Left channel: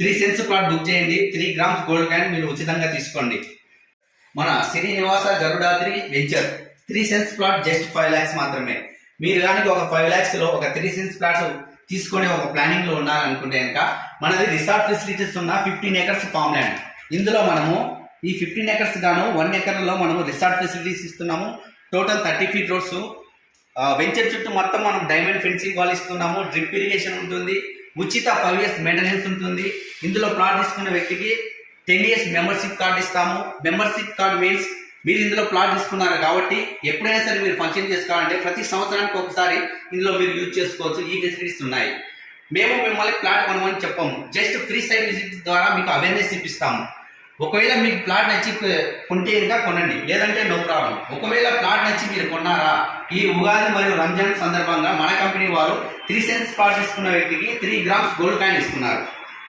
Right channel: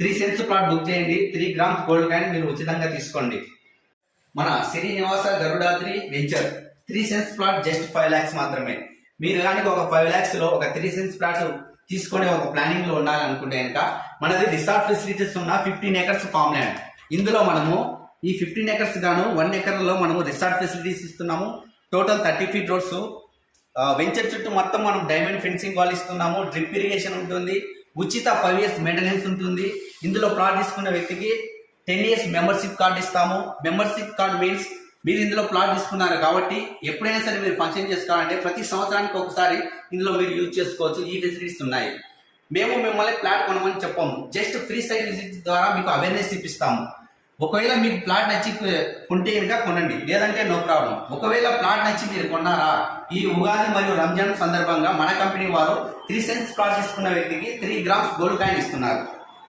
3 cents plot book చేయండి. 3 grams gold coin మీరు ఉచితంగా తీసుకోండి. మన Srinivasa Garudadri venture 3 cents plot just 5 lakhs మాత్రమే. మీరు కానీ ఒక 5 lakhs లో ఒక 3 సెంట్స్ ప్లాట్స్ తీసుకునే ఒక ప్లానింగ్ లో ఉండాలనుకుంటే కనుక మనది రిసార్ట్ ఫెసిలిటీస్ ఉన్న 15 acres ఫామ్ ల్యాండ్. ఇందులో మనము ఈ 15 acres గాను 1 acre లో మనము రిసార్ట్ ఫెసిలిటీస్ ఇస్తున్నాము. Total 30 feet roads. వెంచర్ చుట్టూ మొత్తం మనం డైమండ్ ఫెన్సింగ్ వాల్ ఇస్తున్నాము. డ్రిప్ ఇరిగేషన్ ఉంటుంది. ఉచిత 5 years మెయింటెనెన్స్ ఉంటుంది. ఇందులో ప్లాట్ తీసుకున్న వ్యక్తికి 10 years మెంబర్షిప్ కార్డు ఇస్తాము. మెంబర్షిప్ కార్డు మీన్స్ మీరు ఇందులో ప్లాట్ తీసుకున్నారు కాబట్టి ఎప్పుడైనా సరే మీరు ఫంక్షన్ చేసుకోవాలంటే ప్రతి సంవత్సరానికి ఒకసారి ఇందులో మీరు యూజ్ చేసుకోవచ్చు. ఈ ఫెసిలిటీస్ ఉన్నాయి. మేము మిమ్మల్ని ప్లాట్ కొనమని చెప్పాము. జస్ట్ ఫ్రీ సైట్ విజిట్ ద్వారా మీకు అవేర్నెస్ ఇప్పిస్తాము. ఒకవేళ మీకు ప్లాట్ నచ్చి కొంటే కనుక కొనండి, లేదంటే నో ప్రాబ్లం. ఒకవేళ ప్లాట్ నచ్చి మీరు కొన్నారా, ఈ ఉగాది మరియు రంజాన్ సందర్భంగా మన కంపెనీ వారు 3 సెంట్స్ ప్లాట్ తీసుకున్న వ్యక్తికి 3 గ్రామ్స్ గోల్డ్ కాయిన్ ఇస్తున్నారు.